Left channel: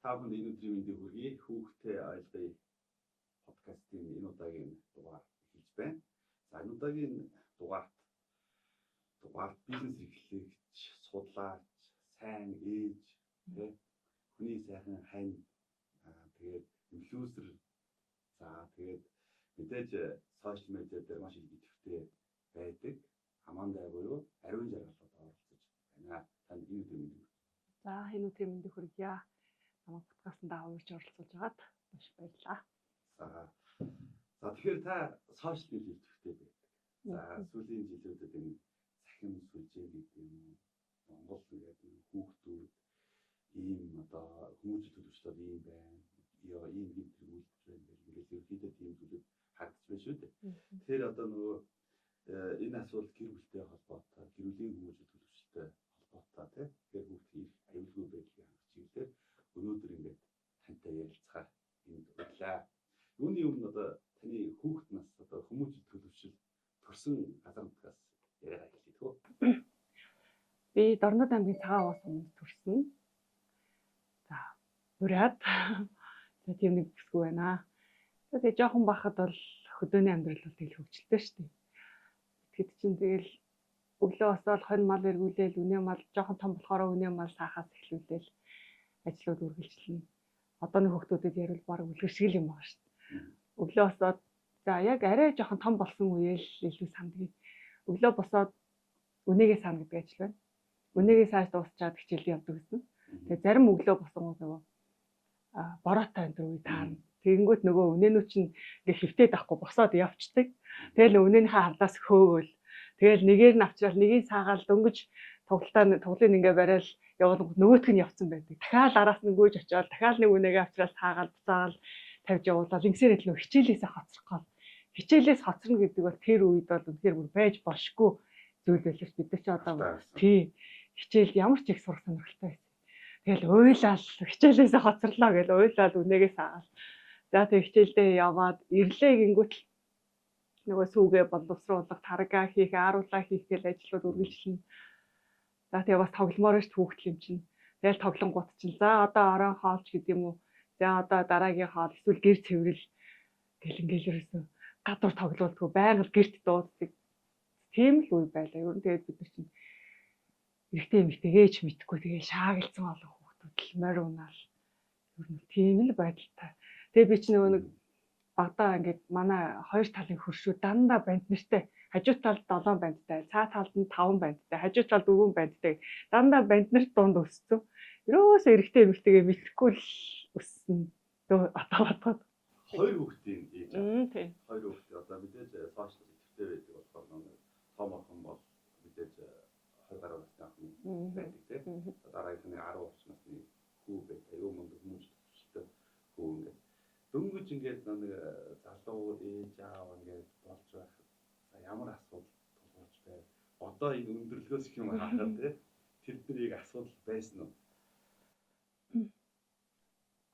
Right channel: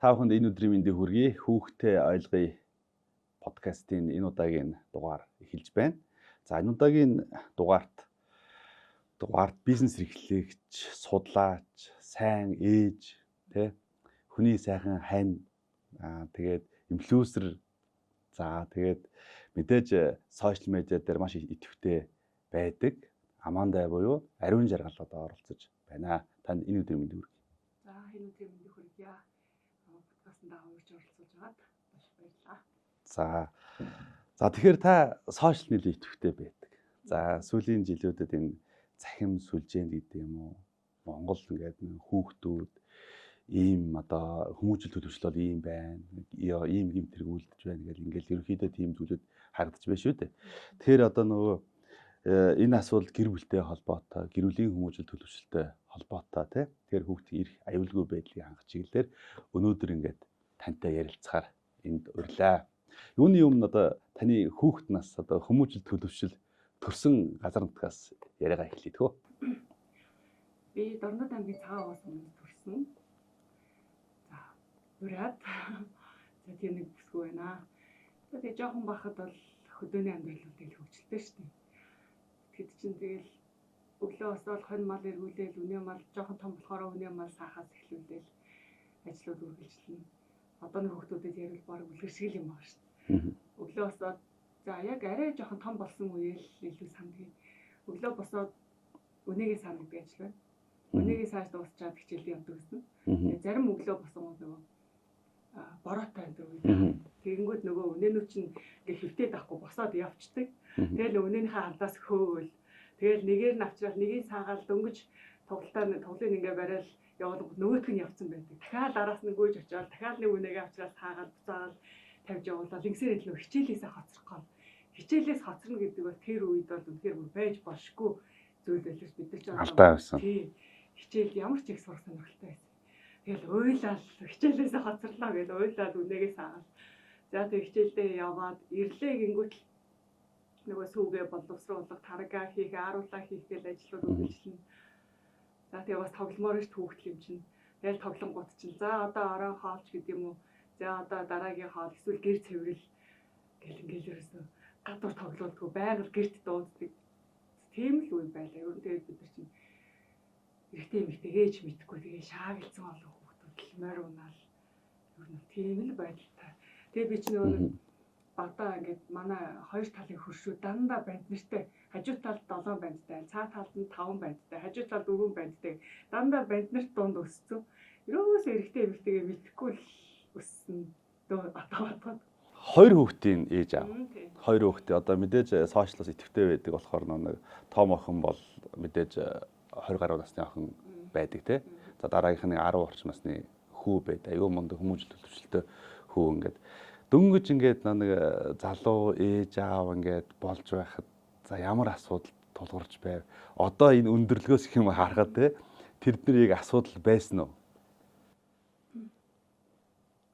Та бүхэнд энэ өдрийн мэндийг хүргэе. Хүүхдээ ойлгоё подкастын энэ удаагийн дугаар эхэлж байна. За энэ удаагийн дугаарт бизнес эрхлэгч, судлаач, сайн ээж, хүний сайхан хань, тэгээд инфлюенсер, тэгээд мэдээж сошиал медиа дээр маш идэвхтэй байдаг Аманда буюу Ариун Жаргал одоо оролцож байна. Танд энэ өдрийн мэндийг хүргэе. За энэ өдрийн мэндийг хүргье. Подкастт аваарч оролцож байгаад маш баярлалаа. За тэгэхээр та сошиал медиа идэвхтэй байдаг. За сүүлийн жилүүдэд энэ цахим сүлжээнд гэдэг юм уу? Монгол ингээд хүүхдүүд ийм одоо хүмүүжил төлөвшлөл ийм байна. Ийм юм тэргүүлдэж байна гэл ингээд ерөнхийдөө тийм зүйлүүд харагдаж байна шүү дээ. Тэгэхээр одоо нөгөө энэ асуудал гэр бүлтэй холбоотой, гэр бүлийн хүмүүжил төлөвшөлтэй холбоотой тэгэхээр хүүхдийн эрх аюулгүй байдлыг хангах чиглэлээр өнөөдөр ингээд тантай ярилцахаар энд урлаа. Юуны өмнө одоо таны хүүхэд нас одоо хүмүүжил төлөвшөл төрсэн газар нутгаас яриагаа эхлэе тгөө. Би Дорнод аймгийн Цагаан уус өмнө төрсөн. За ураад тийм нэг бүсгүй байна. Тэгээд жоохон бахад бол хөдөөний амьдрал бол тэгэл хөвчлөлтэй шүү дээ. Тэгэд чинь тэгэл өглөө босоод хонь мал эргүүлээл, үнэ мал жоохон том болохоор үнэ мал саахаас эхлүүлээл ажлууд үргэлжлэнэ. Одооны хүүхдүүдэд ярил баг үлгэр шиг юм байна шүү дээ. Өглөө босоод за яг арай жоохон том болсон үеэл илүү сандгийг. Өглөө босоод үнэгээ саана гэдэг ажил байна. Үнэгээ сааж дуусчаад хичээлд явдаг гэсэн. Тэгээ зарим өглөө босон нөгөө бороотой энэ үе. Тэгэнгүүт нөгөө үнэнүүд чинь ингээ хөвтөд авахгүй босоод явцдаг. Тэгэл үнэний харлаас хөөгөл. Тэгэл нэгээр нь авчрал нэгийг саагаал дөнгөж тоглолын ингээ барайл яваад нөгөөтг нь явцсан байдаг. Дахиад араас нь гүйж очиод дахиад нэг үнэгээ авчрал саагаал буцаагаал тавьж явуулаад ингэсээр илүү хичээлээсээ хоцрох. Хичээлээс хоцорно гэдэг бол тэр үед бол үнэхээр бүр байж болшгүй зүйл байлж бид нар ч одоо тий хичээл ямар ч их сурах сонирхолтой байсан. Тэгэл уйлал хичээлээсээ хоцорлоо гэж уйлал үнэгээ саагаал. За тэг хичээлдээ яваад ирлээ гингүүт нөгөө сүүгээ боловсруулах, таргаа хийх, ааруулаа хийх гэл ажлууд үргэлжлэнэ. За тэгээ бас тогломоор ш хүүхдэл юм чинь. Тэгэл тоглонгууд чинь. За одоо орон хоолч гэдэг юм уу? За одоо дараагийн хоол эсвэл гэр цэвэрэл гэл ингээл ерөөсөө гадуур тоглоулдгүй байгаль гэрт дууддаг. Тийм л үе байлаа. Ер нь тэгээд бид нар чинь эрэгтэй эмэгтэй ээж мэдхгүй тэгээ шаагалцсан олон хүүхдүүд л морь унаал. Ер нь тийм л байдалтай. Тэгээ би ч нөгөө багтаа ингээд манай хоёр талын хөршүү дандаа банднэртэй. Хажуу талд 7 бандтай, цаа талд нь 5 бандтай, хажуу талд 4 бандтай. Дандаа банднэрт дунд өссөн. Ерөөсөө эрэгтэй эмэгтэйгээ мэдхгүй л өссөн. Атаа. Хоёр хүүхдийн ээж аав. Хоёр хүүхдээ одоо мэдээж сошиалос идэвхтэй байдаг болохоор нэг том охин бол мэдээж 20 гаруй насны охин байдаг тий. За дараагийнх нь 10 орчим насны хүү байдаг. Аюу мундаг хүмүүжил төлөвшөлтөй хүү ингээд дөнгөж ингээд нэг залуу ээж аав ингээд болж байхад за ямар асуудал тулгарч байв. Одоо энэ өндөрлгөөс их юм харахад тий тэрдний яг асуудал байсан уу?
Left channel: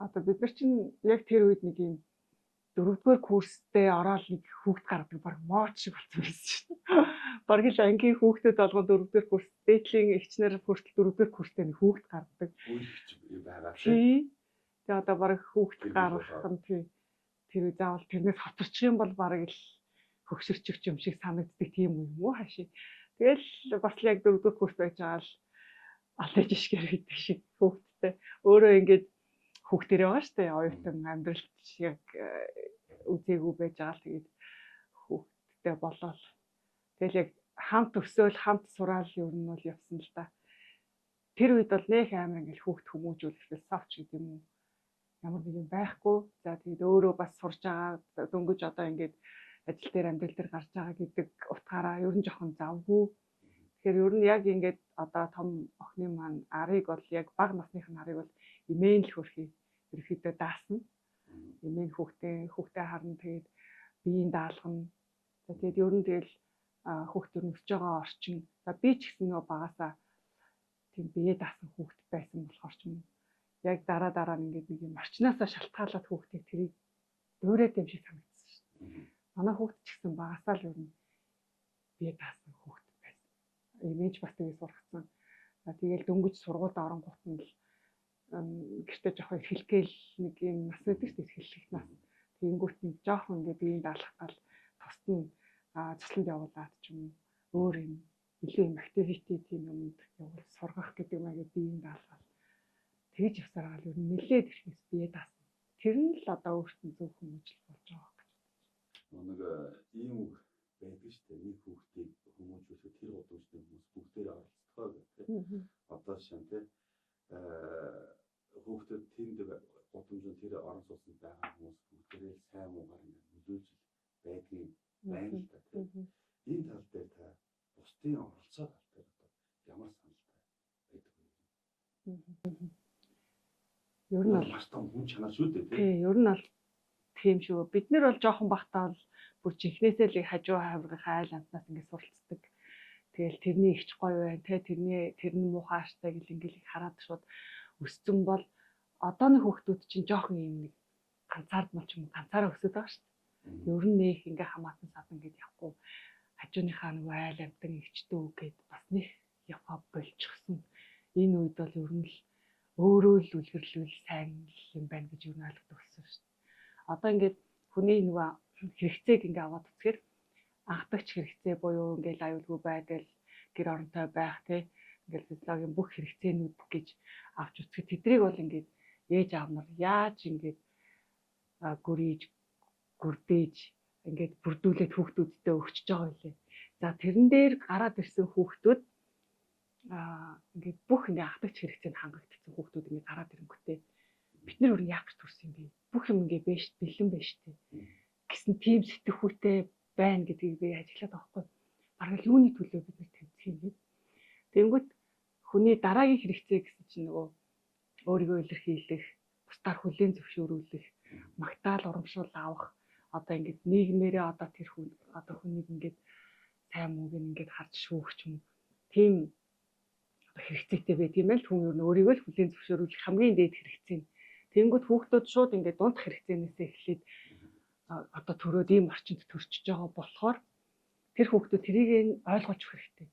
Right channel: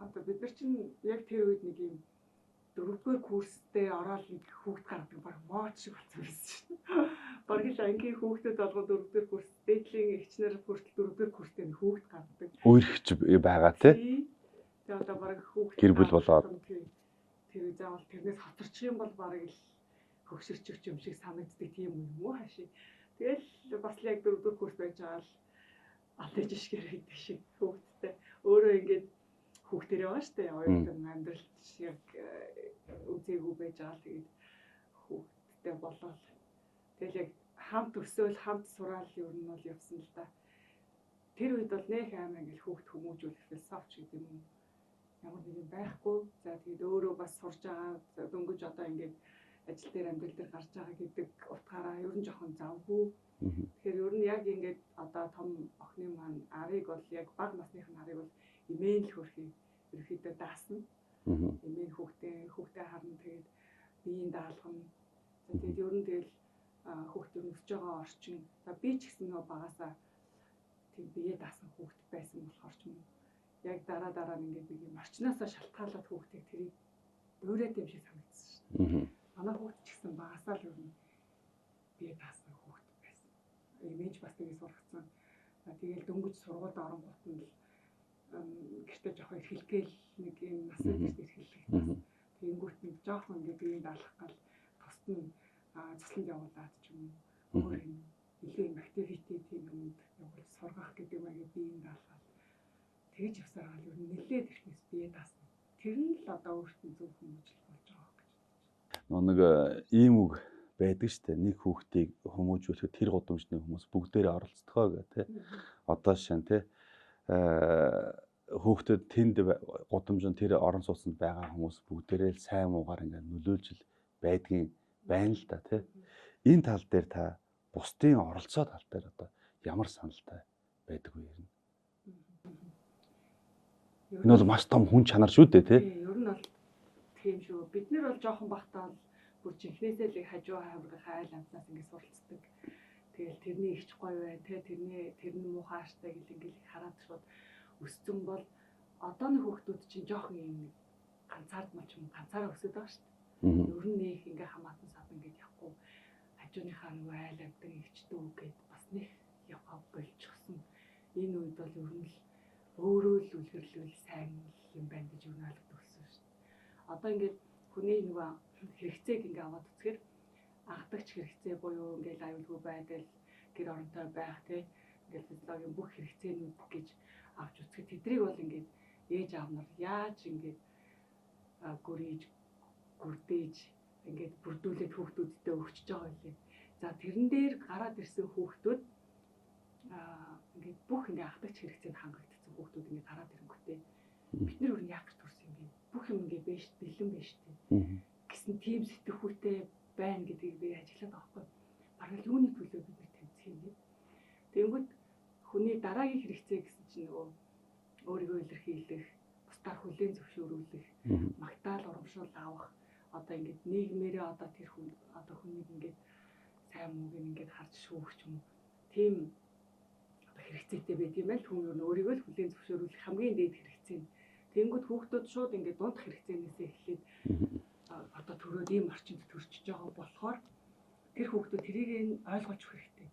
Одоо бид нар чинь яг тэр үед нэг юм 4-р курстэй ороод нэг хүүхд гардаг баг мооч шиг болсон байсан шүү дээ. Бараг л ангийн хүүхдүүд болгон 4-р курс, дээдлийн эгчнэр хүртэл 4-р курстэй нэг хүүхд гардаг. Үерхч байгаа тий. Тэгээ одоо бараг хүүхд гэр бүл болоод тэр заавал тэрнээс хоцорчих юм бол бараг л хөгшөрчих юм шиг санагддаг тийм юм уу хаашаа. Тэгэл бас л яг 4-р курс байж байгаа л алж ишгэр гэдэг шиг хүүхдтэй. Өөрөө ингээд хүүхдэрээ байгаа шүү дээ. Оюутан амьдралт шиг үзээгүй байж байгаа л тэгээд хүүхдтэй болоод тэгэл яг хамт өсөөл хамт сураал ер нь бол явсан л да. Тэр үед бол нэх амар ингээл хүүхд хүмүүжүүлэх философч гэдэг юм уу ямар нэг юм байхгүй. За тэгээд өөрөө бас сурж байгаа дөнгөж одоо ингээд ажил дээр амьдрал дээр гарч байгаа гэдэг утгаараа ер нь жоохон завгүй. Тэгэхээр ер нь яг ингээд одоо том охины маань арыг бол яг бага насных нь арыг бол имээн л хөрхий ерөөхдөө даасна. Имээн хүүхдээ харна тэгээд биеийн даалгана. Тэгээд ер нь тэгэл хүүхд ер нь өсөж байгаа орчин. За би ч гэсэн нөгөө багасаа тийм бие даасан хүүхд байсан болохоор ч юм яг дараа ингээд нэг юм орчноосоо шалтгаалаад хүүхдийг тэрийг дөөрөөд юм шиг санагдсан шүү дээ. Манай хүүхд ч гэсэн багасаа л ер нь бие даасан хүүхд байсан. Имэж бас тэгээ сургацсан. Тэгэл дөнгөж сургуульд оронгууд нь л гэртээ жоохон эрхэлгээл нэг юм насны гэртээ эрхэлэх бас тэгэнгүүт нэг жоохон ингээд биеийг даалгах гал тусад нь цэцлэнд явуулаад ч юм өөр юм илүү юм activity тийм юмд явуул сургах гэдэг юм аа биеийг даалгах тэгж явсаар гал ер нь нэлээд ихнээс бие даасан. Тэр нь л одоо өөртөө зөв хүмүүжил болж байгаа гэж. Нэг ийм үг байдаг шүү дээ. Нэг хүүхдийг хүмүүжүүлэхэд тэр гудамжны хүмүүс бүгдээрээ оролцдгоо гэх тээ. Одоо шин тээ хүүхдэд тэнд гудамжинд тэр орон сууцнд байгаа хүмүүс бүгдээрээ сайн муугаар ингээд нөлөөлж байдгийн байна л да тий. Энэ тал дээр та бусдын оролцоо тал дээр одоо ямар саналтай байдаг вэ юм? Энэ бол маш том хүн чанар шүү дээ тий. Ер нь бол тийм шүү. Бид нэр бол жоохон бахтаа бол бүр чихнээсээ л хажуу хаврын айл амтнаас ингээд суралцдаг. Тэгэл тэрний ихч гоё байна те тэрний муухай аштай гэл ингээд хараад шууд өссөн бол одооны хүүхдүүд чинь жоохон юм нэг ганцаардмал ч юм ганцаараа өсөд байгаа шүү дээ. Ер нь нэг ингээ хамаатан сад ингээд явахгүй хажууныхаа нэг айл амтан ихчдөө үгээд бас нэг яваа болчихсон. Энэ үед бол ер нь л өөрөө л үлгэрлүүл сайн юм байна гэж юу ойлгодог болсон шүү дээ. Одоо ингээд хүний нэг хэрэгцээг ингээ аваад үзэхээр анхдагч хэрэгцээ буюу ингээл аюулгүй байдал гэр оронтой байх тий ингээл физиологийн бүх хэрэгцээнүүд гэж авч үзэхэд тэднийг бол ингээд ээж аав нар яаж ингээд гүрийж гүрдээж ингээд бүрдүүлээд хүүхдүүдтэй өгчөж байгаа юм лээ. За тэрэн дээр гараад ирсэн хүүхдүүд ингээд бүх ингээд анхдагч хэрэгцээнд хангагдсан хүүхдүүд ингээд гараад ирэнгүүтээ бид нар өөр яах гэж төрсөн юм бэ? Бүх юм ингээд бэлэн байна шүү дээ. Гэсэн тийм сэтгэхүйтэй байна гэдгийг би ажиглаад байгаа байхгүй. Бараг юуны төлөө бид нар тэмцэх юм бэ? Тэнгүүт хүний дараагийн хэрэгцээ гэсэн чинь нөгөө өөрийгөө илэрхийлэх, бусдаар хүлээн зөвшөөрүүлэх, магтаал урамшуул авах, одоо ингээд нийгмээрээ одоо тэр хүн одоо хүнийг ингээд сайн мууг ингээд харж шүүгч юм. Тийм одоо хэрэгцээтэй байт юм байл хүн өөрийгөө л хүлээн зөвшөөрүүлэх хамгийн дээд хэрэгцээ. Тэнгүүт хүүхдүүд шууд ингээд дунд хэрэгцээнээсээ эхлээд одоо төрөөд ийм орчинд төрчихөж байгаа болохоор тэр хүүхдүүд тэрийг ойлгож хэрэгтэй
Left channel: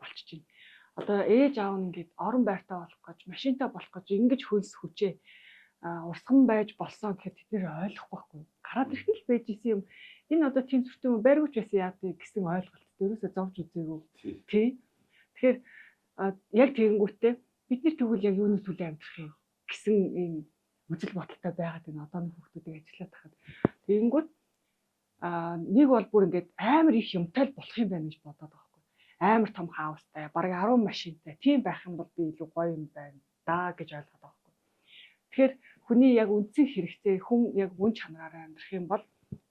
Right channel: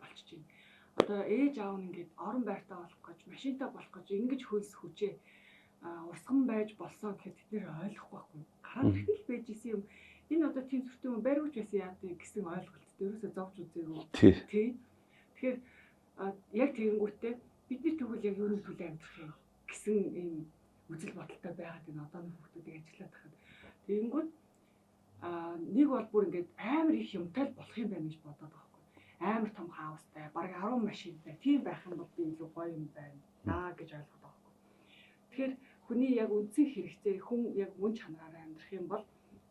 болчихж байна. Одоо ээж аав нь ингээд орон байртай болох гэж, машинтай болох гэж ингэж хөлс хүчээ урсган байж болсон гэхэд тэд нэр ойлгох байхгүй. Гараад ирэх л байж исэн юм. Энэ одоо тийм зүртэй юм байргууч байсан яадаг гэсэн ойлголт ерөөсөө зовж үзээгүй. Тий. Тэгэхээр яг тэгэнгүүтээ бидний тэгвэл яг юуны төлөө амьдрах юм гэсэн ийм үзэл бодолтой байгаад энэ одооны хүүхдүүдийг ажиллаад тахад тэгэнгүүт нэг бол бүр ингээд амар их юмтай л болох юм байна гэж бодоод байгаа байхгүй. Амар том хаустай, бараг 10 машинтай тийм байх юм бол би илүү гоё юм байна да гэж ойлгоод байгаа байхгүй. Тэгэхээр хүний яг үндсэн хэрэгцээ хүн яг мөн чанараараа амьдрах юм бол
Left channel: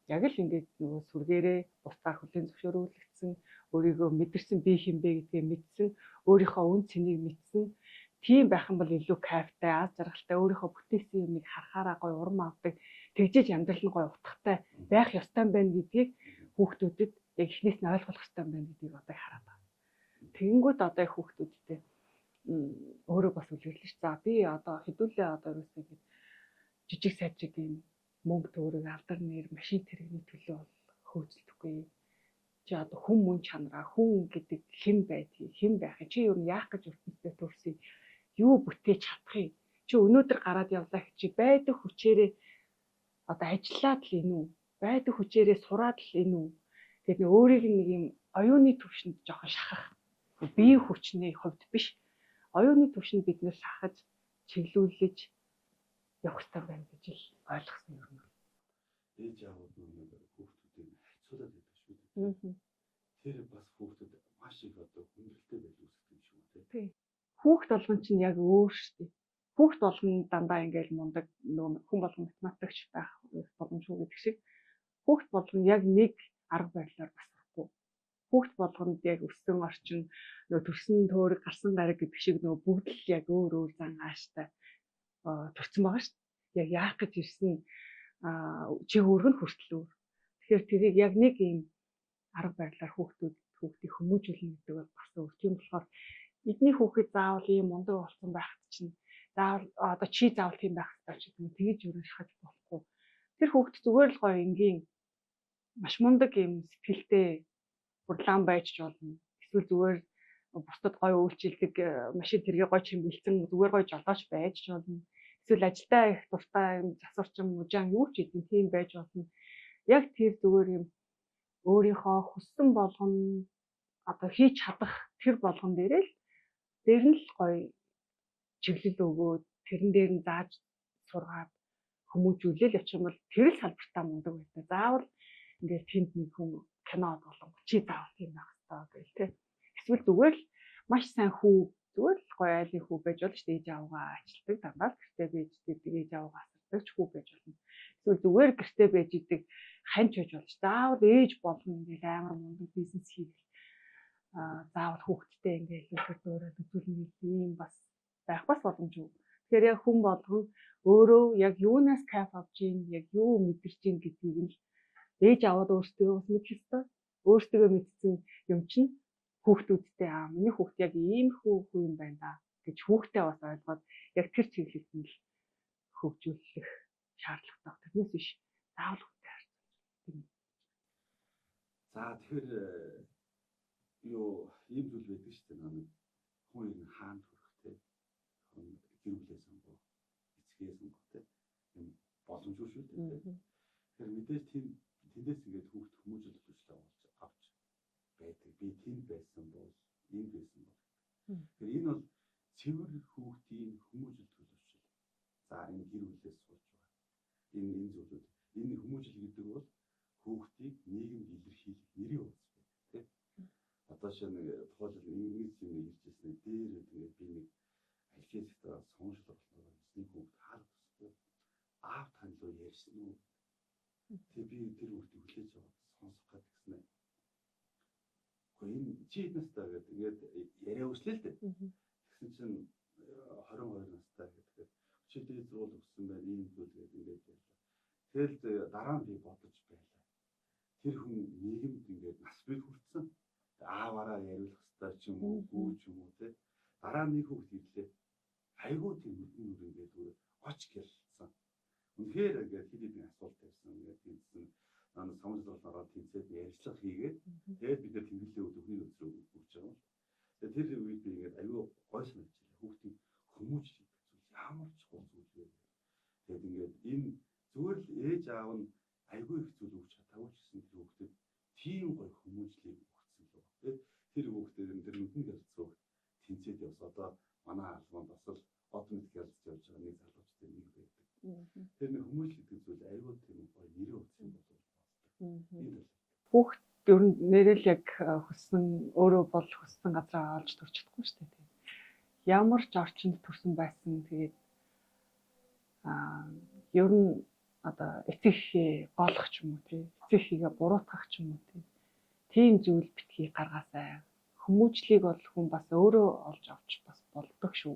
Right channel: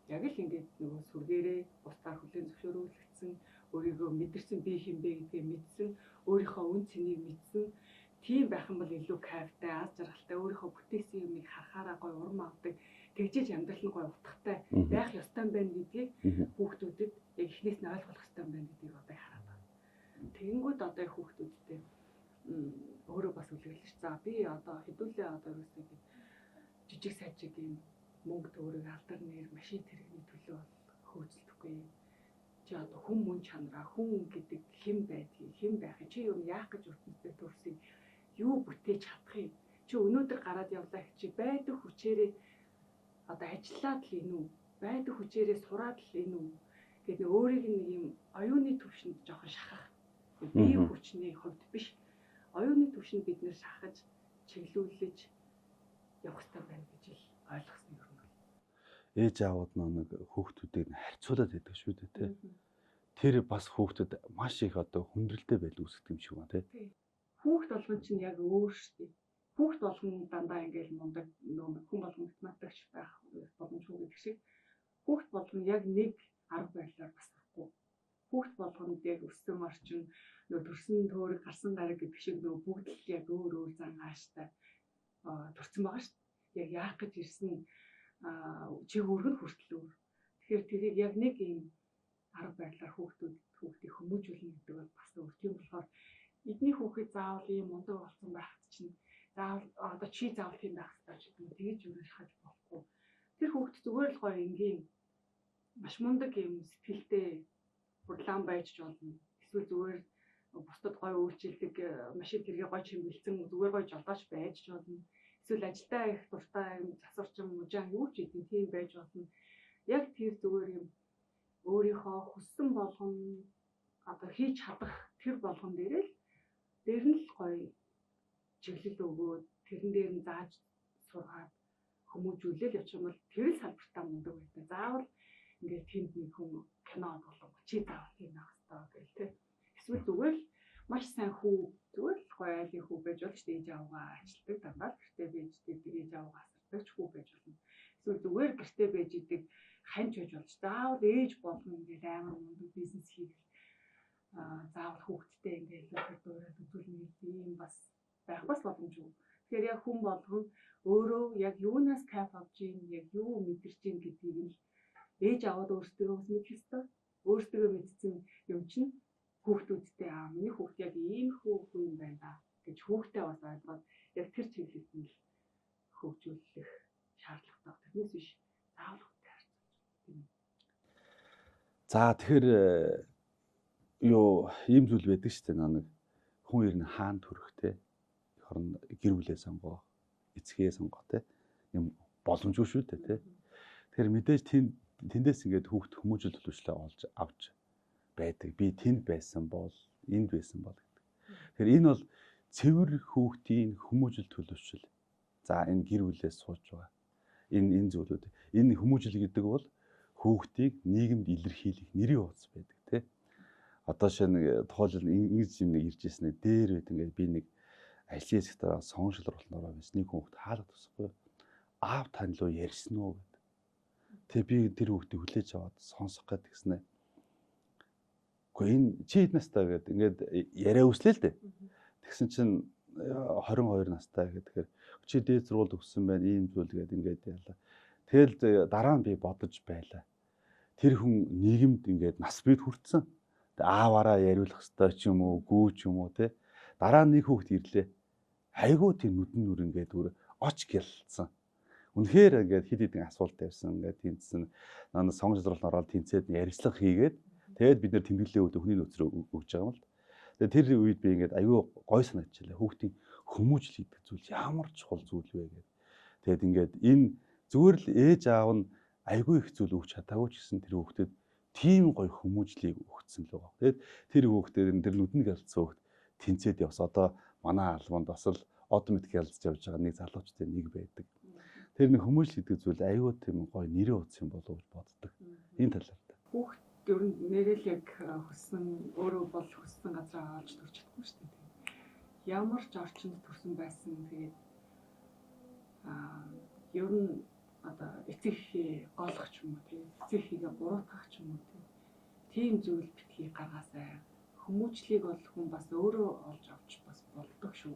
яг л ингээд нөгөө сүргээрээ бусдаар хүлээн зөвшөөрүүлэгдсэн, өөрийгөө мэдэрсэн би хинбэ гэдгээ мэдсэн, өөрийнхөө үн цэнийг мэдсэн тийм байх юм бол илүү кайфтай, аз жаргалтай, өөрийнхөө бүтээсэн юмыг харахаараа гоё урам авдаг, тэгжээж амьдрал нь гоё утгатай байх ёстой байна гэдгийг хүүхдүүдэд яг эхнээс нь ойлгох ёстой байна гэдгийг одоо хараад байна. Тэгэнгүүт одоо хүүхдүүдтэй өөрөө бас үлгэрлээ ш. За би одоо хэдүүлээ одоо ерөөсөө жижиг сажиг юм мөнгө төгрөг алдар нэр машин тэрэгний төлөө хөөцөлдөхгүй. Чи одоо хүн мөн чанараа хүн гэдэг хэн байдгийг хэн байх чи юу яах гэж ертөнцид төрсөн юу бүтээж чадахыг чи өнөөдөр гараад явлаа чи байдаг хүчээрээ одоо ажиллаад л энэ үү байдаг хүчээрээ сураад л энэ үү гэдэг нэг өөрийг нэг юм оюуны төвшөнд жоохон шахах бие хүчний хувьд биш оюуны төвшөнд бид нэр шахаж чиглүүлж явах хэрэгтэй байна гэж л ойлгосон юм. Ээж аауд нэг хүүхдүүдийг харьцуулаад байдаг шүү дээ тий. Тэр бас хүүхдэд маш их одоо хүндрэлтэй байл үүсгэх юм шиг байна тий. Хүүхд болгон чинь яг өөр шүү дээ. Хүүхд болгон дандаа ингээл мундаг нөгөө хүн болгон математикч байх боломжгүй гэдэг шиг хүүхд болгон яг нэг арга барилаар бас байхгүй. Хүүхд болгонд яг өссөн орчин нөгөө төрсөн төөрөг гарсан гараг гэдэг шиг нөгөө бүгд л яг өөр өөр зан ааштай төрсэн байгаа шүү дээ. Яг яах гэж ирсэн чи өөргөн хүртэл өөр. Тэгэхээр тэрийг яг нэг юм арга барилаар хүүхдийг хүмүүжүүлнэ гэдэг бол бас өөр. Тийм болохоор эдний хүүхэд заавал ийм мундаг болсон байхад чинь заавал одоо чи заавал тийм байх хэрэгтэй ч гэдэг нь тэгэж өөрөө шахаж болохгүй. Тэр хүүхэд зүгээр л гоё энгийн маш мундаг юм сэтгэлтэй хурлаан байж ч болно. Эсвэл зүгээр бусдад гоё үйлчилдэг машин тэргээ гоё чимгэлцэн зүгээр гоё жолооч байж ч болно. эсвэл ажилдаа их дуртай юм засварчин мужаан юу ч гэдэг тийм байж болно. Яг тэр зүгээр юм өөрийнхөө хүссэн болгон одоо хийж чадах тэр болгон дээр нь л гоё чиглэл өгөөд тэрэн дээр нь зааж сургаад хүмүүжүүлэл явчих юм бол тэр л салбартаа мундаг байдаг. Заавал ингээд тэнд нэг хүн кино болон чи заавал тийм байх хэрэгтэй гэл тэ. Эсвэл зүгээр л маш сайн хүү зүгээр л гоё айлын хүү байж болно шүү дээ. Ээж аваагаа ажилтдаг дандаа гэртээ байж идэг ээж аваагаа асардаг хүү байж болно. Эсвэл зүгээр гэртээ байж идэг ханч байж болж заавал ээж болгоно ингээд амар мундаг бизнес хийх заавал хүүхдтэй ингээд өөрөөр үзүүлнэ юм бас байх бас боломжгүй. Тэгэхээр яг хүн болгон өөрөө яг юунаас кайф авч ийн, яг юу мэдэрч ийн гэдгийг нь ээж аваад өөртөө бас мэдэх ёстой. Өөртөө мэдсэн юм чинь хүүхдүүдтэй миний хүүхд яг ийм хүү юм байна да гэж хүүхдээ бас ойлгоод яг тэр чиглэлд нь л хөгжүүлэх шаардлагатай. Тэрнээс биш заавал хүүхдээ харьцуулж. За тэгэхээр юу ийм зүйл байдаг шүү дээ. Нэг хүн ер нь хаан төрөхтэй хорон гэр бүлээ сонгоо, эцгээ сонгоо те юм боломжгүй шүү дээ те. Тэгэхээр мэдээж тэндээс ингээд хүүхд хүмүүжил төлөвчлөө олж авч байдаг. Би тэнд байсан бол энд байсан бол гэдэг. Тэгэхээр энэ бол цэвэр хүүхдийн хүмүүжил төлөвшил. За энэ гэр бүлээс сууж байгаа. Энэ зүйлүүд. Энэ хүмүүжил гэдэг бол хүүхдийг нийгэмд илэрхийлэх нэрийн хуудас байдаг те. Одоо шинэ тухайлбал ингэж юм нэг ирж ирсэн дээр байд ингээд би нэг ажлын сектор соншил оруулнараа байсан нэг хүүхд хаалт тусахгүй аав тань руу ярьсан уу гэд. Тэгээ би тэр хүүхдийг хүлээж аваад сонсох гээд гиснэ. Гэхдээ энэ чи хэд настай гэд ингээд яриа үслээ л дээ. Тэгсэн чинь 22 настай гэхээр чи дээд сургууль төгссөн байна ийм зүйл гээд ингээд яалаа. Тэгэл дараа нь би бодож байлаа. Тэр хүн нийгэмд ингээд нас бид хүртсэн. Ааваараа яриулах ёстой ч юм уу, гүү ч юм уу те. Дараа нь нэг хүүхд ирлээ. Айгуу тийм нүдэн нүр ингээд оч гэлцсэн. Үнэхээр ингээд хэд хэдэн асуулт тавьсан ингээд тэнцсэн. Наа сонгожлол ороод тэнцээд ярилцлага хийгээд тэгээд бид нэр тэмдэглэлийн үед хүний нөөцрөө өгж байгаа юм л. Тэгээд тэр үед би ингээд айгуу гой санагдчихлаа. Хүүхдийн хүмүүжил гэдэг зүйл ямар чухал зүйл вэ гэдэг. Тэгээд ингээд энэ зүгээр л ээж аав нь айгуу их зүйл өгч чадаагүй ч гэсэн тэр хүүхдэд тийм гоё хүмүүжлийг өгсөн л байгаа. Тэгээд тэр хүүхдэд тэр нүдэн гэлцсэн хүүхд тэнцээд явс. Одоо манай албанд бас л automatic ялцж явж байгаа нэг залуучтай нэг байдаг. Тэр нэг хүмүүжил гэдэг зүйл аюу тийм гоё нэрийн утас юм болов гэж боддог. Энэ талаар. Хүүхд ер нь нэрэл яг хөссөн өөрөө бол хөссөн газараа олж төрж чадахгүй шүү дээ. Ямар ч орчинд төрсөн байсан тэгээд ер нь одоо эцэг эхээ голох ч юм уу тий. Эцэг эхийгээ буруутгах ч юм уу тий. Тийм зүйл битгий гаргаасай. Хүмүүжлийг бол хүн бас өөрөө олж авч бас болдог шүү.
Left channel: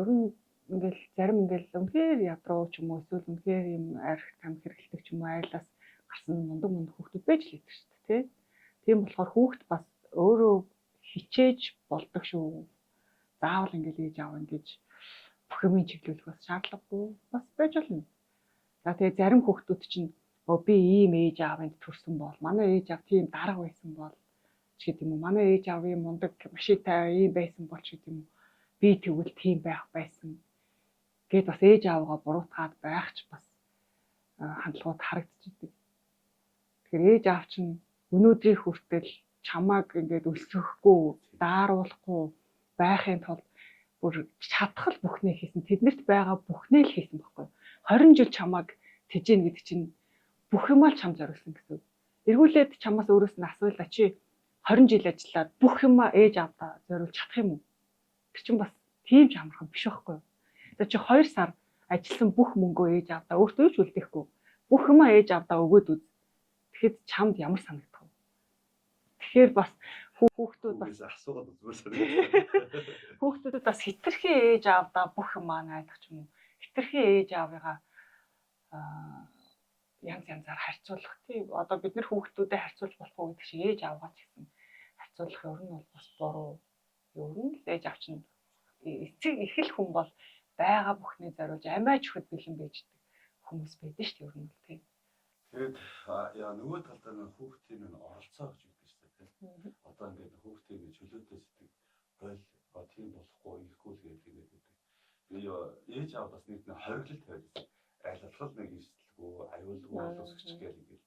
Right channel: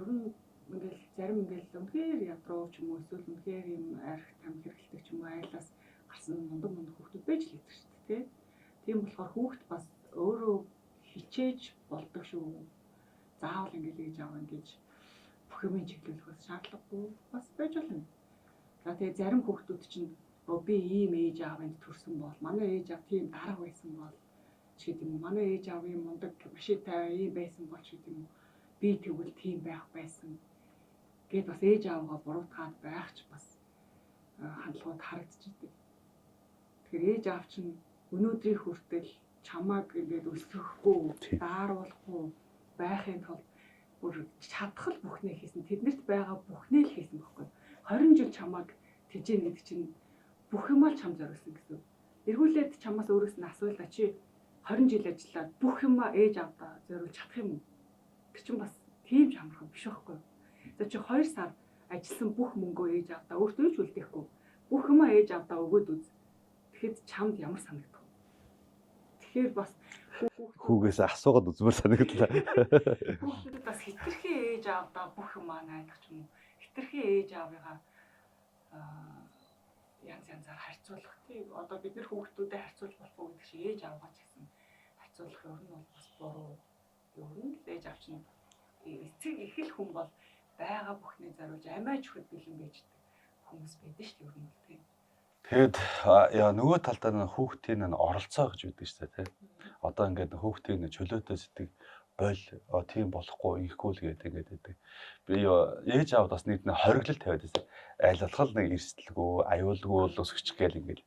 Ер нь ингээл зарим ингээл үнэхээр ядруу ч юм уу эсвэл үнэхээр юм арх там хэрэгэлдэг ч юм уу айлаас гарсан мундаг хүүхдүүд байж л байдаг шүү дээ тий. Тийм болохоор хүүхд бас өөрөө хичээж болдог шүү. Заавал ингээл ээж аав ингэж бүх юм чиглүүлэх бас шаардлагагүй бас байж болно. За тэгээ зарим хүүхдүүд чинь би ийм ээж аавынд төрсөн бол манай ээж аав тийм дарга байсан бол ч гэдэг юм уу манай ээж аав ийм мундаг машинтай ийм байсан бол ч гэдэг юм уу би тэгвэл тийм байх байсан. Гэт бас ээж аавгаа буруутгаад байх ч бас хандлагууд харагдчихдаг. Тэгэхээр ээж аав чинь өнөөдрийн хүртэл чамааг ингээд өсгөхгүй, дааруулахгүй байхын тулд бүр чадхал бүхнээ хийсэн. Тэднэрт байгаа бүхнээ л хийсэн байхгүй. 20 жил чамааг тэжээн гэдэг чинь бүх юмаа л чам зориулсан гэсэн. Эргүүлээд чамаас өөрөөс нь асуулаа чи 20 жил ажиллаад бүх юмаа ээж аавдаа зориулж чадах юм уу? Тэр чинь бас тийм ч амархан биш байхгүй. За чи 2 сар ажилласан бүх мөнгөө ээж аавдаа өөртөө ч үлдээхгүй. Бүх юмаа ээж аавдаа өгөөд үз. Тэгэхэд чамд ямар санагдах вэ? Тэгэхээр бас хүүгээс асуугаад үзмээр санагдлаа. Хүүхдүүдэд бас хитрхи ээж аавдаа бүх юмаа найдах ч юм уу. Хитрхи ээж аавыгаа янзаар харьцуулах тийм. Одоо бид нэр хүүхдүүдэд харьцуулж болохгүй гэдэг чинь ээж аавгаа ч гэсэн харьцуулах ер нь бол бас буруу. Ер нь л ээж аав чинь эцэг их л хүн бол байгаа бүхний зориулж амиа чөхөд бэлэн байж хүмүүс байдаг шүү дээ ер нь тийм. Тэгэд нөгөө талдаа хүүхдийн оролцоо гэж үүдэг шүү дээ тийм. Одоо ингээд хүүхдийн чөлөөтэй сэтгэг тийм болохгүй ийхгүй л гэдэг ингээд байдаг. Би ээж аавд бас нэг хориглол тавиад байсан. Айлтгал нэг эрсдэлгүй, аюулгүй бол өсгөч гээл ингээд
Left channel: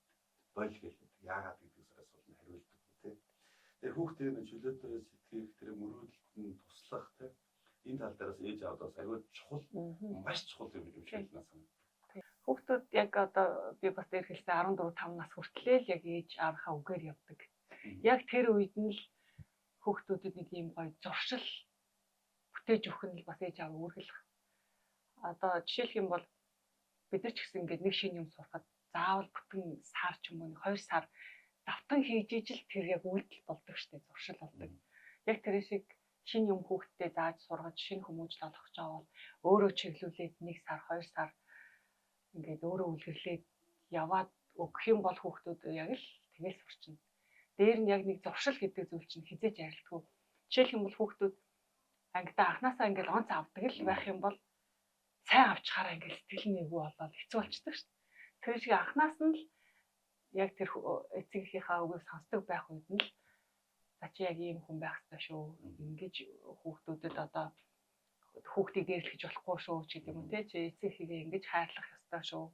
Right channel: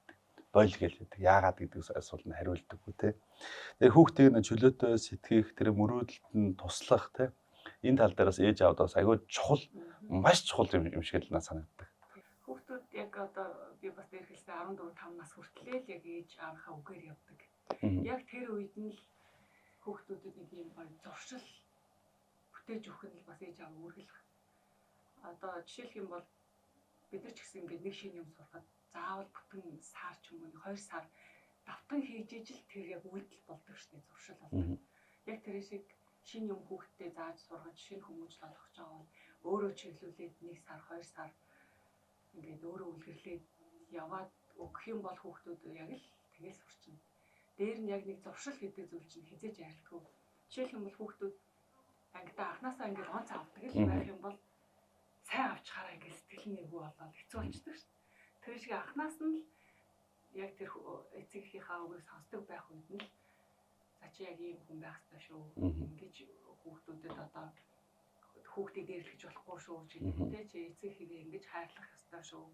бойл гээл байдаг. Яагаад гэдэг асуултанд хариулдаггүй те. Тэгээ хүүхдийг нь чөлөөтэй сэтгэх, тэр мөрөөдөлд нь туслах те. Энэ тал дээрээс ээж аавдаас аюул чухал, маш чухал юм шиг л надад санагддаг. Хүүхдүүд яг одоо би бас дээр хэлсэн 14-5 нас хүртлээл яг ээж аавынхаа үгээр явдаг. Яг тэр үед нь л хүүхдүүдэд нэг юм гоё зуршил бүтээж өгөх нь бас ээж аав үүргэлэх. Одоо жишээлх юм бол бид нар ч гэсэн ингээд нэг шинэ юм сурахад заавал бүтэн сар ч юм уу 2 сар давтан хийж ижил тэр яг үйлдэл болдог штеп зуршил болдог. Яг тэр шиг шинэ юм хүүхдэд зааж сургаж шинэ хүмүүжил олгож байгаа бол өөрөө чиглүүлээд 1 сар 2 сар ингээд өөрөө үлгэрлээд яваад өгөх юм бол хүүхдүүд яг л тэгэл сурчна. Дээр нь яг нэг зуршил гэдэг зүйл чинь хизээж ярилдаггүй. Жишээлх юм бол хүүхдүүд ангидаа анханасаа ингээд онц авдаг л байх юм бол сайн авчихаараа ингээд сэтгэл нэггүй болоод хэцүү болчихдог шүү дээ. Тэр шиг анханаас нь л яг тэр эцэгийнхээ үгийг сонсдог байх үед нь л за чи яг ийм хүн байх ёстой шүү. Ингэж хүүхдүүдэд одоо хүүхдийг гэрэлхэж болохгүй шүү ч гэдэг юм те чи эцэгхийгээ ингэж хайрлах ёстой шүү.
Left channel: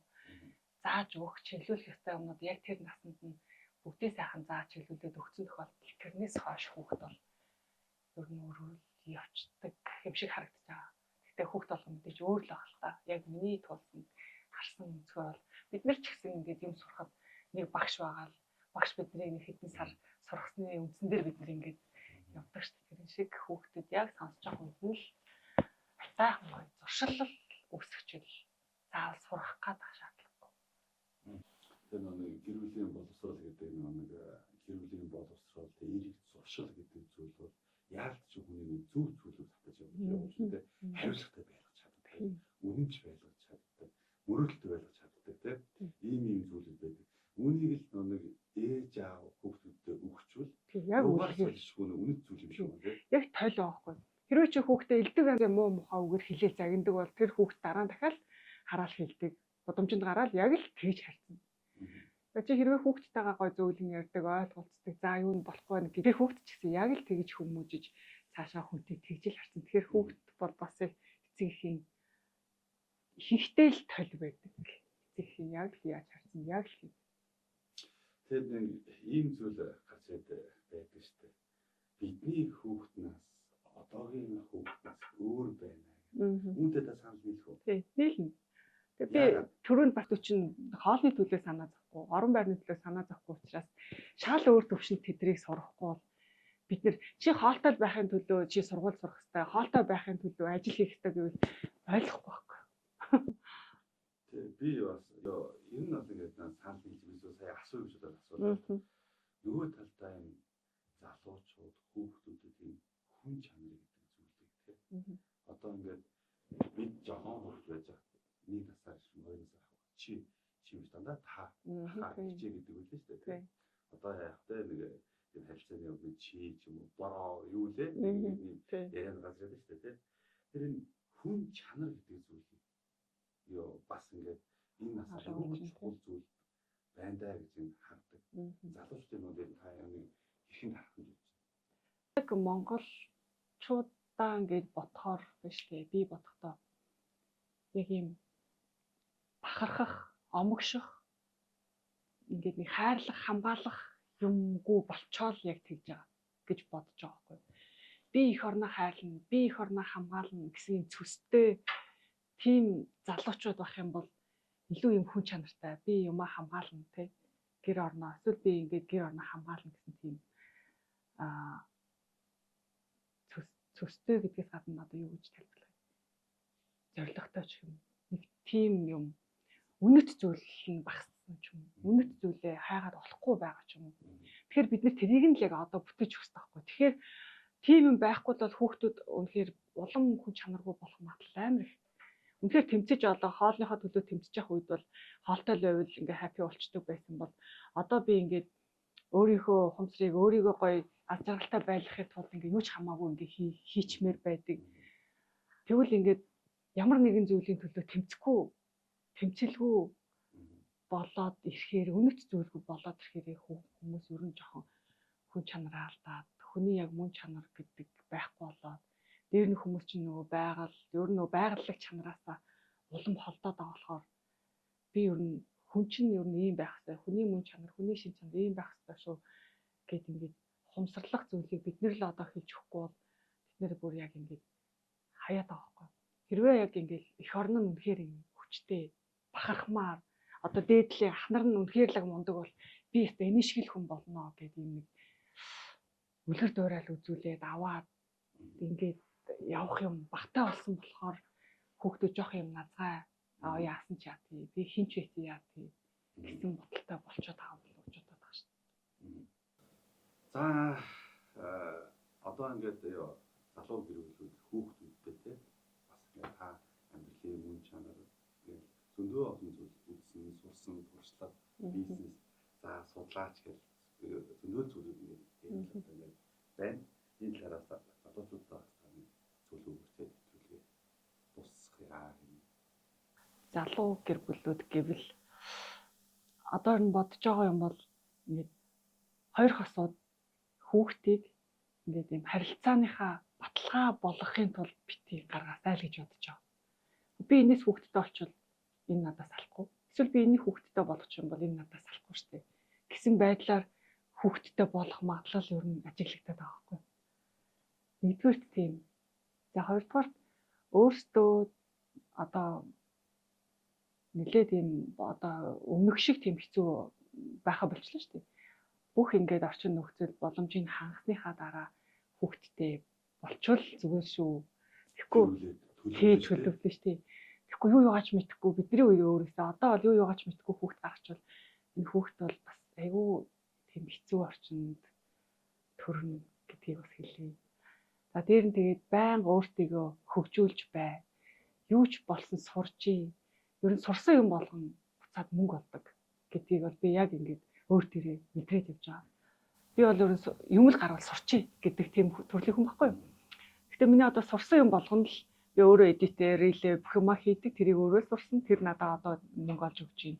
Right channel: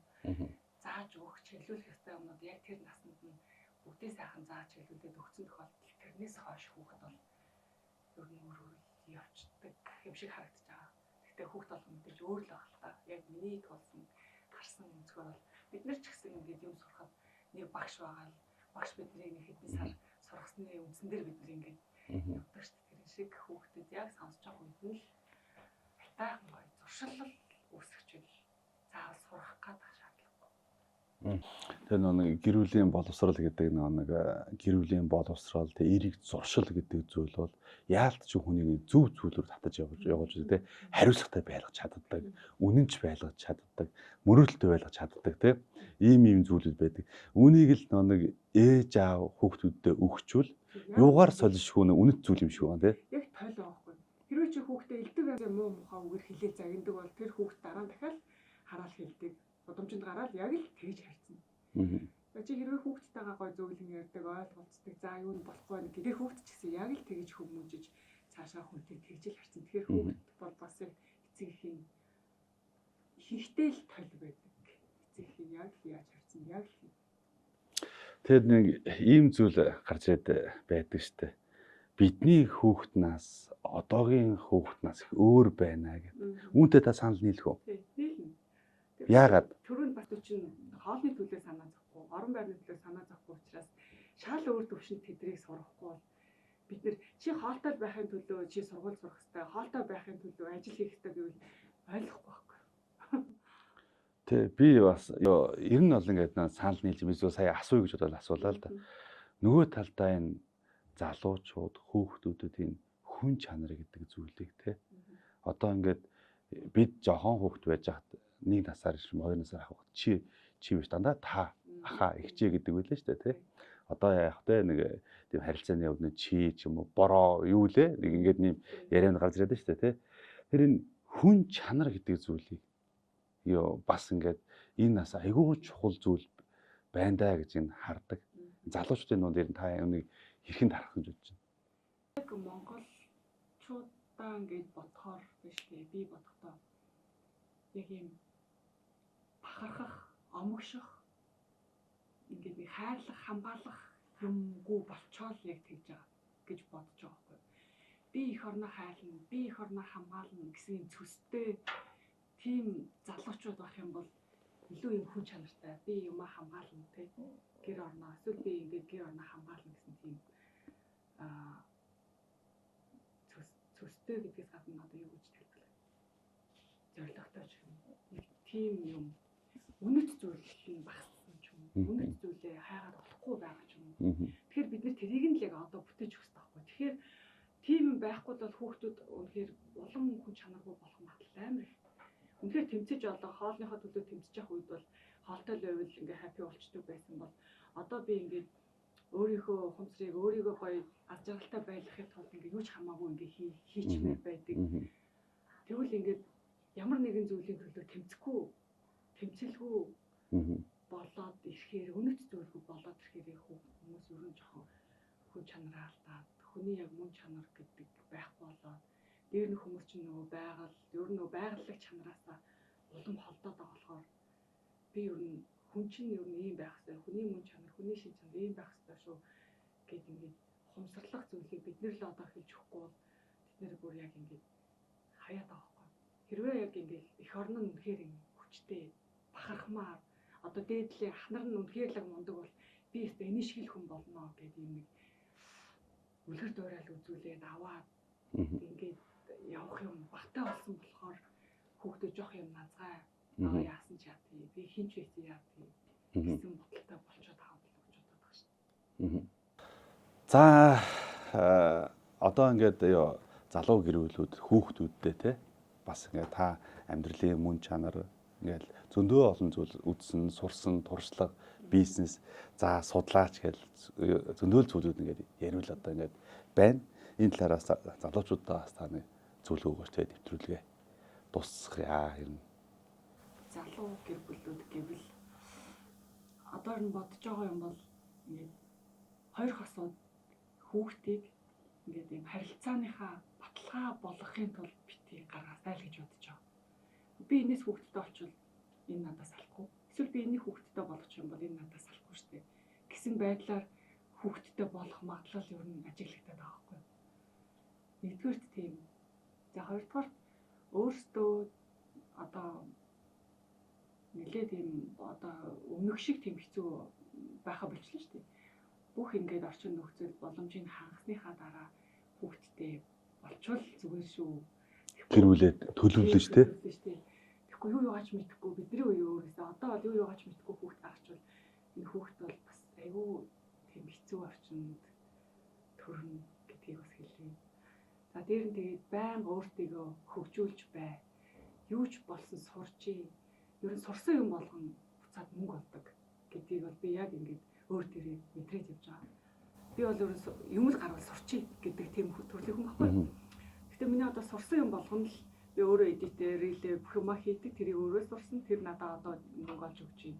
Зааж өгөх чиглүүлэх ёстой юмнууд яг тэр наснд нь бүгдээ сайхан зааж чиглүүлээд өгсөн тохиолдолд тэрнээс хойш хүүхд бол ер нь өөрөө явцдаг юм шиг харагдаж байгаа. Гэхдээ хүүхд болгоно мэдээж өөр л байх л та. Яг миний тулсан харсан өнцгөр бол бид нар ч гэсэн ингээд юм сурахад нэг багш байгаа л багш бидний нэг хэдэн сар сургасны үндсэн дээр бид нар ингээд явдаг шүү дээ. Тэр шиг хүүхдэд яг сонсож байгаа үед нь л тайхан гоё зуршил үүсгэж заавал сурах гэдэг шаардлагатай. Тэр нэг гэр бүлийн боловсрал гэдэг нэг гэр бүлийн боловсрал тэг эрийг зуршил гэдэг зүйл бол яалтч хүний зөв зүйлээр татаж явуулж тэ хариуцлагатай байлгаж чаддаг, үнэнч байлгаж чаддаг, мөрөөдөлтөй байлгаж чаддаг тэ ийм зүйлүүд байдаг. Үүнийг л нэг ээж аав хүүхдүүдэд өгчүүл юугаар солишгүй үнэт зүйл юм шиг байна тэ. Яг тойл байхгүй. Хэрвээ чи хүүхдээ элдэг янзын муу мухаа үгээр хэлээл загиндаг бол тэр хүүхд дараа нь дахиад хараал хэлдэг. Удамжинд гараад яг л тэгж харьцна. Чи хэрвээ хүүхдтэйгээ гой зөөлөн ярьдаг, ойлголцдог, за юу нь болохгүй нэг тэр хүүхд ч гэсэн яг л тэгж хүмүүжиж цаашаа хүнтэй тэгж л харцсан. Тэгэхээр хүүхд бол бас эцэгхийн ихэнхдээ л тойл байдаг. Эцэгхийн яг л яаж харцсан, яг л. Тэр нэг ийм зүйл гарч ирээд байдаг штэ. Бидний хүүхднаас одоогийн хүүхднаас их өөр байна гэх. Үүнтэй та санал нийлэх үү? Тийм, нийлнэ. Яагаад? Төрөнд бас чинь хоолны төлөө санаа зовхгүй, орон байрны төлөө санаа зовхгүй учраас шал өөр төвшөнд тэдрийг сурахгүй бол бид нар чи хоолтой байхын төлөө чи сургууль сурах хэрэгтэй, хоолтой байхын төлөө ажил хийх хэрэгтэй гэвэл ойлгохгүй байхгүй. Тэ би бас ер нь бол ингээд санал нийлж би сая асууя гэж бодоод асуулаа л да. Нөгөө талдаа энэ залуучууд хүүхдүүдэд энэ хүн чанар гэдэг зүйлийг те одоо ингээд бид жоохон хүүхд байж хат нэг насаар шим 2 насаар авах чи биш дандаа та аха ихчээ гэдэг байлаа шүү дээ те одоо яах вэ нэг тийм харилцааны өвнө чи ч юм уу бороо юу лээ нэг ингээд нэм ярианд гарч ирээд шүү дээ те тэр энэ хүн чанар гэдэг зүйлийг ёо бас ингээд энэ нас айгүй чухал зүйл байна даа гэж энэ хардаг залуучдын нууд ер нь та юуныг хэрхэн тарах гэж бодож байна. Яг монголчуудаа ингээд бодохоор биш дээ. Би бодохдоо яг юм бахархах, омгших ингээд нэг хайрлах, хамгаалах юмгүй болчоол яг тэгж байгаа гэж бодож байгаа байхгүй. Би их орноо хайрлна, би их орноо хамгаална гэсэн цөстэй тийм залуучууд байх юм бол илүү юм хүн чанартай. Би юмаа хамгаална тий. Гэр орноо эсвэл би ингээд гэр орноо хамгаална гэсэн тийм цөстэй гэдгээс гадна одоо юу гэж тайлбарлах зоригтой ч юм нэг тийм юм үнэт зүйл нь багассан ч юм үнэт зүйлээ хайгаад болохгүй байгаа ч юм. Тэгэхээр бид нэр тэрийг нь л яг одоо бүтээж өгөх хэрэгтэй байхгүй. Тэгэхээр тийм юм байхгүй бол хүүхдүүд үнэхээр улам хүн чанаргүй болох магадлал амар их. Үнэхээр тэмцэж одоо хоолныхоо төлөө тэмцэж явах үед бол хоолтой л байвал ингээ хаппи болчдөг байсан бол одоо би ингээд өөрийнхөө ухамсарыг өөрийгөө гоё аз жаргалтай байлгахын тулд ингээ юу ч хамаагүй ингээ хийчмээр байдаг. Тэгвэл ингээд ямар нэгэн зүйлийн төлөө тэмцэлгүй болоод ирэхээр үнэт зүйлгүй болоод ирэхээр хүмүүс ер нь жоохон хүн чанараа алдаад хүний яг мөн чанар гэдэг байхгүй болоод дээр нь хүмүүс чинь нөгөө байгаль, ер нь нөгөө байгаллаг чанараасаа улам холдоод байгаа болохоор би ер нь хүн чинь ер нь ийм байх хэрэгтэй. Хүний мөн чанар, хүний шин чанар ийм байх хэрэгтэй шүү гэд ингээд ухамсарлах зүйлийг бид нэр л одоо хийж өгөхгүй бол бид нэр бүр яг ингээд хаяад байгаа байхгүй. Хэрвээ яг ингээд эх орн нь үнэхээр юм хүчтэй бахархмаар одоо дээдлийн ахнар нь үнэхээр л мундаг бол би өөртөө энэ шиг л хүн болно гэдэг юм нэг үлгэр дуурайл үзүүлээд аваад ингээд явах юм багтаа болсон болохоор хүүхдүүд жоох юм назгай аа яасан ч яа би хинч байсан яа гэсэн бодолтой болчиход байгаа юм гэж боддог байна шүү дээ. За одоо ингээд залуу гэрүүлүүд хүүхдүүдтэй те бас ингээд та амьдралын мөн чанар ингээд зөндөө олон зүйл үзсэн, сурсан, туршлага, бизнес, за судлаач гэл зөндөө зүйлүүд ингээд яриул одоо ингээд байна. Энэ талаараас залуучуудаа бас таны зүйл өгөөч те нэвтрүүлгээ дуусгая юм. Залуу гэр бүлүүд гэвэл одоо нь бодож байгаа юм бол ингээд хоёр хосууд хүүхдийг ингээд юм харилцааныхаа баталгаа болгохын тулд битгий гаргаасай л гэж бодож байгаа. Би энэс хүүхдтэй олчвол энэ надаас салахгүй. Эсвэл би энийг хүүхдтэй болгочих юм бол энэ надаас салахгүй шүү дээ. Гэсэн байдлаар хүүхдтэй болох магадлал ер нь ажиглагдаад байгаа байхгүй. Нэгдүгээрт тийм. За хоёрдугаар өөртөө одоо нэлээд юм одоо өмнөх шиг тийм хэцүү байха болчихлоо шүү дээ. Бүх ингээд орчин нөхцөл боломжийг хангасныхаа дараа хүүхдтэй болчвол зүгээр шүү. Тэрүүлээд төлөвлөж шүү дээ. Тэгэхгүй юу яагач мэдэхгүй бидний үе өөрөөсөө одоо бол юу яагач мэдэхгүй хүүхд гаргачвал энэ хүүхд бол бас айгүй тийм хэцүү орчинд төрнө гэдгийг бас хэлье. За дээр нь тэгээд байнга өөртөө хөгжүүлж бай. Юу ч болсон сурчий. Ер нь сурсан юм болгоно буцаад мөнгө олдог гэдгийг бол би яг ингээд өөр төрөө мэдрээд явж байгаа. Би бол ер нь юм л гарвал сурчий гэдэг тийм төрлийн хүн байхгүй юу? Гэтэ миний одоо сурсан юм болгоно л би өөрөө эдитээр рилээ бүх юма хийдэг. Тэрийг өөрөө сурсан. Тэр надад одоо мөнгө олж өгч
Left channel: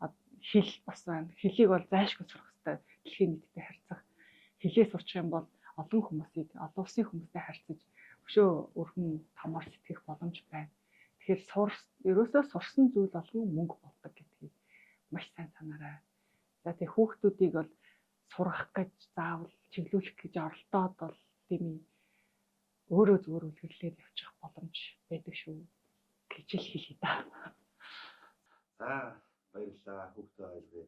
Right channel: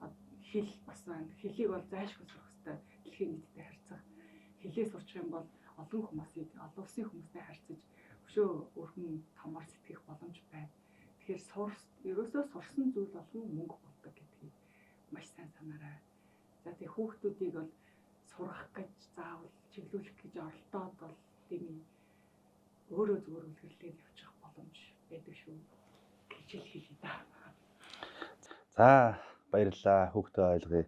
байна. Хэл бас байна. Хэлийг бол зайлшгүй сурах хэрэгтэй. Дэлхийн нийтэд харьцах. Хэлээ сурчих юм бол олон хүмүүсийг, олон улсын хүмүүстэй харьцаж өшөө өрхөн томоор сэтгэх боломж байна. Тэгэхээр ерөөсөө сурсан зүйл болгон мөнгө болдог гэдгийг маш сайн санаарай. За тэг хүүхдүүдийг бол сургах гэж заавал чиглүүлэх гэж оролдоод бол тийм өөрөө зүгээр үлгэрлээд явчих боломж байдаг шүү гэж л хэлье да. За баярлалаа хүүхдээ ойлгоё.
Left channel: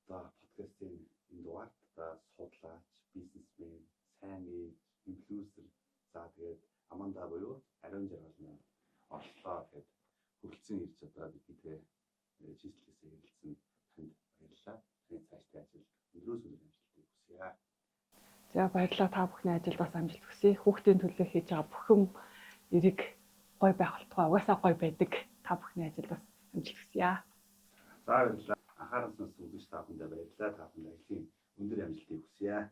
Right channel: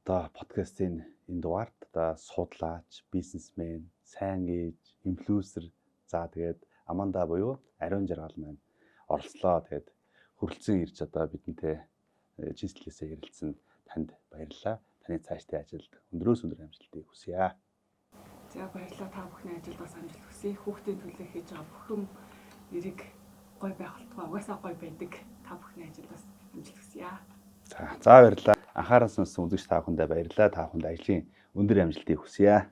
Одоо подкастын энэ дугаарт одоо судлаач, бизнесмен, сайн ээж, инфлюенсер за тэгээд Аманда буюу Ариун Жаргал маань оролцлоо. Тэгээд хүрэлцэн ирж одоо бидэнтэй чийслэлээсээ ярилцсан танд баярлалаа. Таны цаашдын ажилд өндрөөс өндөр амжилтыг хүсье. За баярлалаа та бүхний ажилд бас амжилт хүсье. Хүүхдийн төлөө хийж байгаа бүх юм эрэг гой байх болтугай угаасаа гой байдаг. Та бүхний ажилд бас амжилт хүсье. За баярлалаа. Анхаарал сонсон үзэгч та бүхэндээ баярлалаа. Та бүхэнд ажлын өндөр амжилтыг хүсье.